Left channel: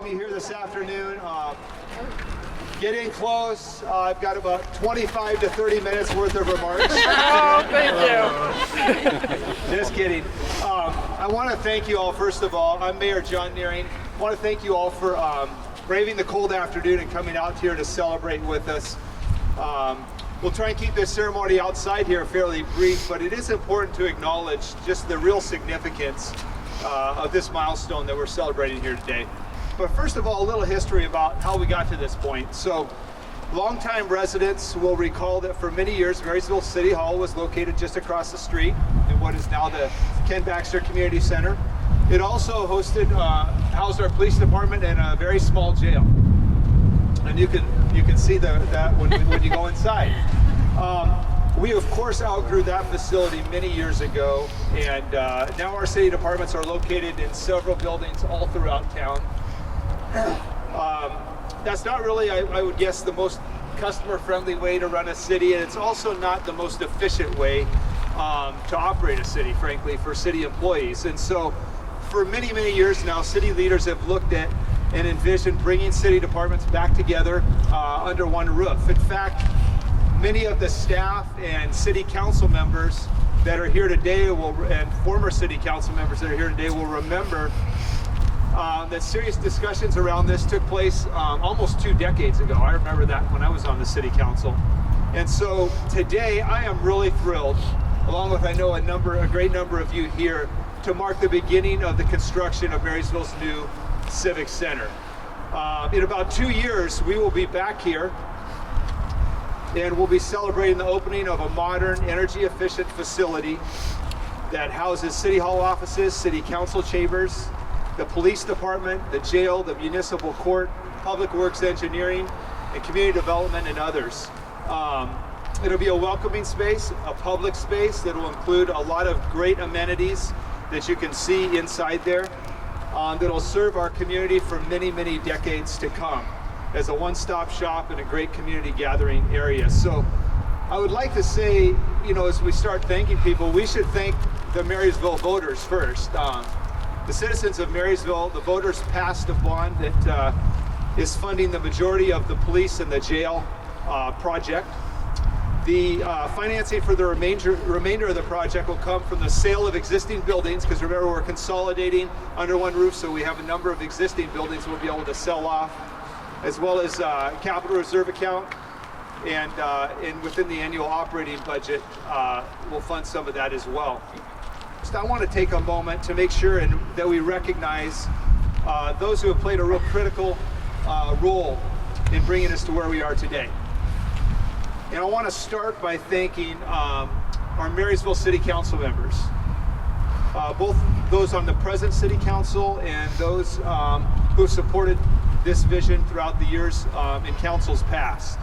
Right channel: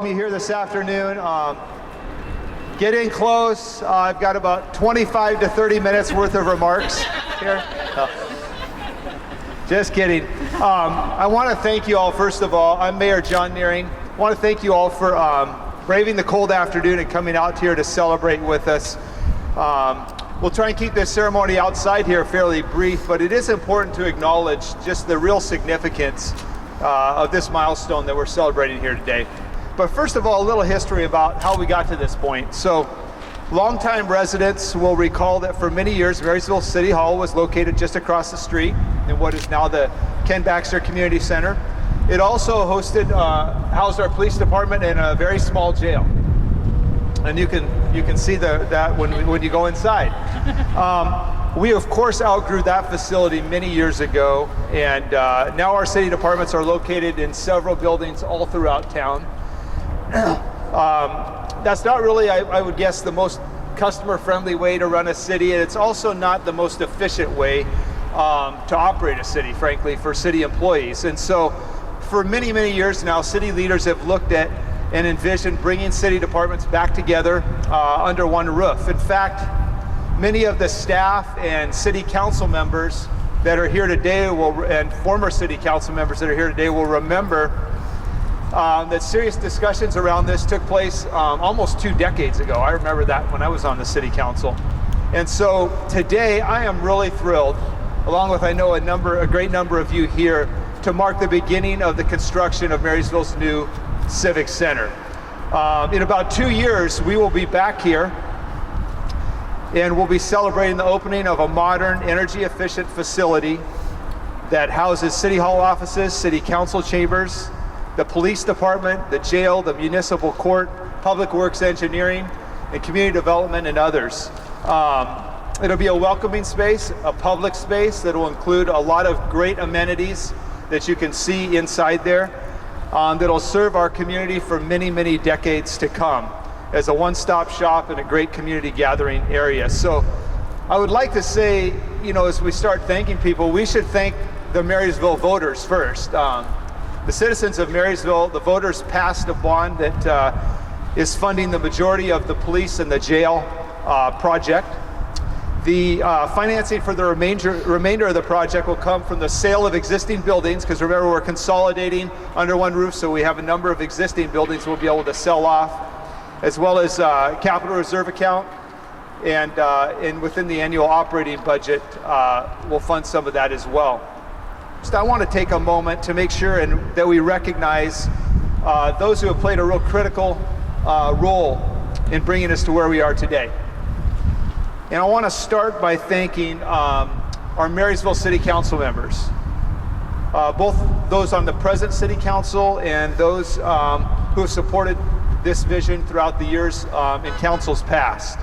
Me here this afternoon. Get in close. I've got about 25 to 30 minutes worth of remarks. Thank you. Just kidding. I want to thank you all, first of all. I'm Mayor Jon Nehring. I want to thank you all for braving the cold afternoon and coming out here to celebrate with us. We'll try and keep this ceremony outside here fairly brief, but it is important to acknowledge just the real significance of this milestone that we're celebrating here today. But first of all, a little history about how we got to this point. So, longtime residents will recall that for many years, Marysville City Hall was located just across the street in what is now the Ken Baxter Community Center. It also housed our police department and a very small jail. And you can see that when you go inside. We of course outgrew that facility many years ago, and now our city departments are located in several buildings all throughout town. That's not really, I would guess, the most customer-friendly way to run a city, and it's also not the most efficient way to operate a city, frankly, for city employees. And so for many, many years now, city leaders have looked at and envisioned bringing city departments back together under one roof. In fact, many of the staff and city council members that are here today and former city council members that are here today will remember that serious discussions around this took place almost 2 decades ago. I remember that when I was on the city council. And so today I am really thrilled, along with I know a great number of you here, to mark the beginning of the construction of Marysville's new Civic Center. In about 2 years, we will be back here and we'll be celebrating the opening of a modern, energy-efficient facility that houses City Hall offices, City Council chambers, the police department, the jail, the municipal court, public works engineering, and community development, and others. It'll be a welcoming space, a public space that will include a lot of great amenities that you can see inside there that'll serve our community for many, many decades to come as a one-stop shop and a great community gathering area. So I would like to say, as we start thanking people, we should thank the Marysville voters first. The citizens of Marysville, the voters passed a bond that is funding the majority of the police and the jail project. The financing for the remainder of the project will come from the sale of existing buildings, because remember, we're consolidating under one roof, so we have a number of existing buildings we'll be able to sell off, as well as capital reserve account, and within the annual operating budget, we'll fund some of that as well. So I want to take a moment to make sure that we recognize those who have played a real critical role in bringing us to where we are today. And I want to start by thanking our Marysville City Council members, both those on the present City Council and those who have supported this vision throughout the years in councils past.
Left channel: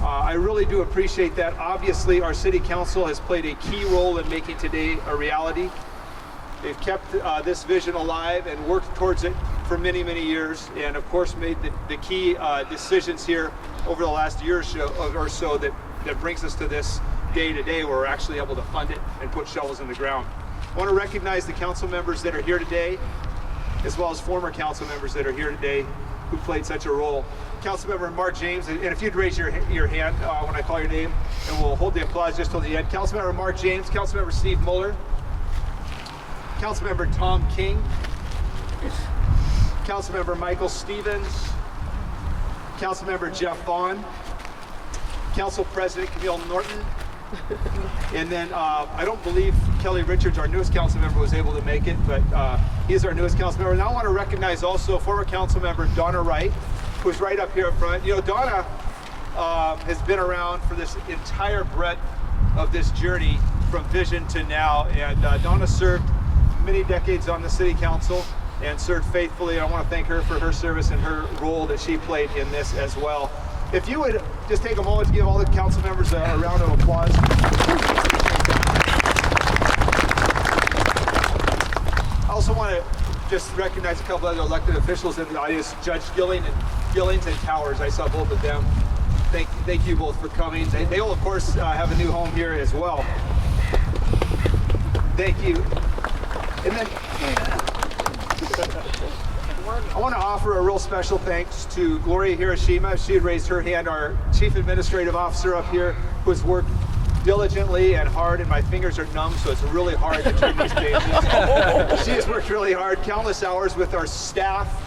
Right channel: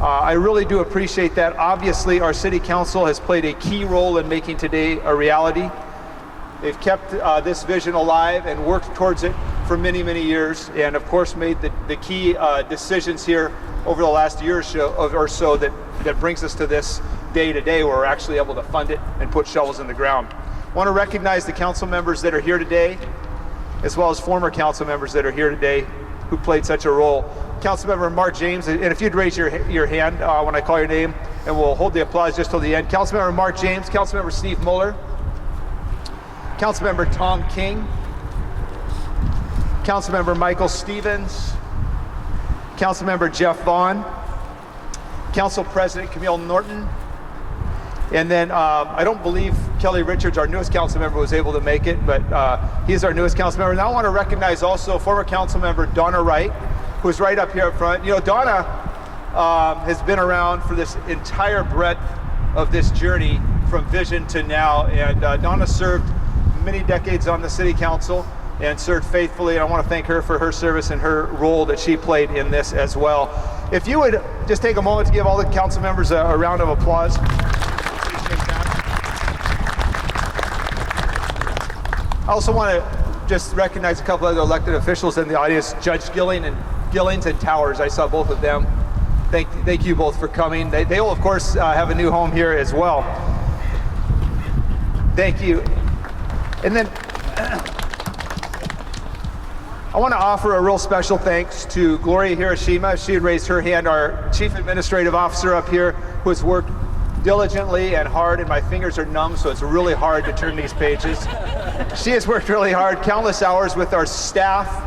I really do appreciate that. Obviously, our City Council has played a key role in making today a reality. They've kept this vision alive and worked towards it for many, many years, and of course made the key decisions here over the last year or so that brings us to this day today where we're actually able to fund it and put shovels in the ground. I want to recognize the council members that are here today, as well as former council members that are here today who played such a role. Councilmember Mark James, and if you'd raise your hand when I call your name, and we'll hold the applause just till the end. Councilmember Mark James, Councilmember Steve Muller, Councilmember Tom King, Councilmember Michael Stevens, Councilmember Jeff Vaughn, Council President Camille Norton, and then I don't believe Kelly Richards, our newest council member, was able to make it, but he's our newest council member. And I want to recognize also former council member Donna Wright, who's right up here up front. Donna has been around for this entire breadth of this journey from vision to now, and Donna served many decades on the city council and served faithfully, and I want to thank her for her service and her role that she played in this as well. If you would just take a moment to give all the council members a round of applause. I also want to just recognize a couple other elected officials in the audience, Judge Gillings and Towers. I saw both of them. Thank you both for coming. They will, of course, have a new home here as well. Thank you. And then I want to offer a real special thanks to Gloria Hiroshima. She had raised her hand, our Chief Administrative Officer up here, who has worked diligently and hard, and my fingers are numb, so it's really hard to turn these pages. She has worked really hard, countless hours with our staff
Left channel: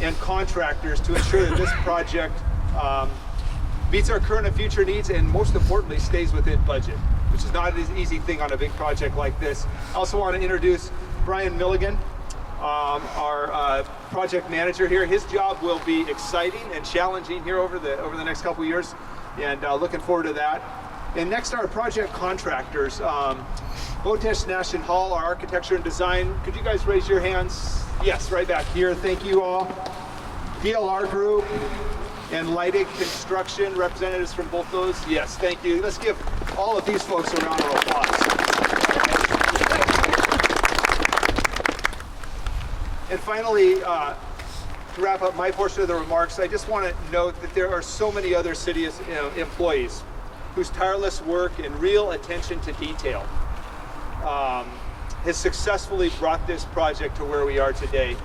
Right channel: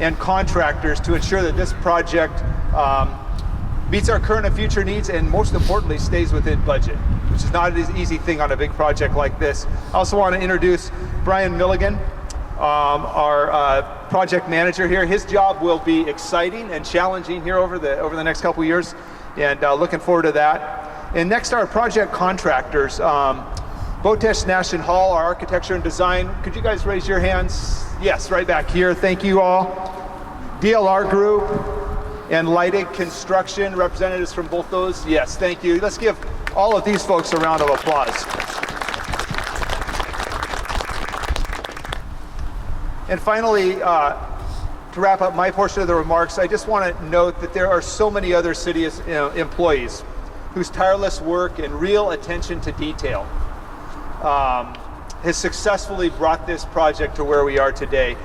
and contractors to ensure that this project meets our current and future needs, and most importantly, stays within budget, which is not an easy thing on a big project like this. I also want to introduce Brian Milligan, our project manager here. His job will be exciting and challenging here over the next couple years, and looking forward to that. And next, our project contractors. Botesh Nash Hall, our architecture and design. Could you guys raise your hands? Yes, right back here. Thank you all. DLR Group and Lighting Construction, representatives from both those. Yes, thank you. Let's give all of these folks a round of applause. And finally, to wrap up my portion of the remarks, I just want to note that there are so many other city employees whose tireless work and real attention to detail has successfully brought this project to where we are today.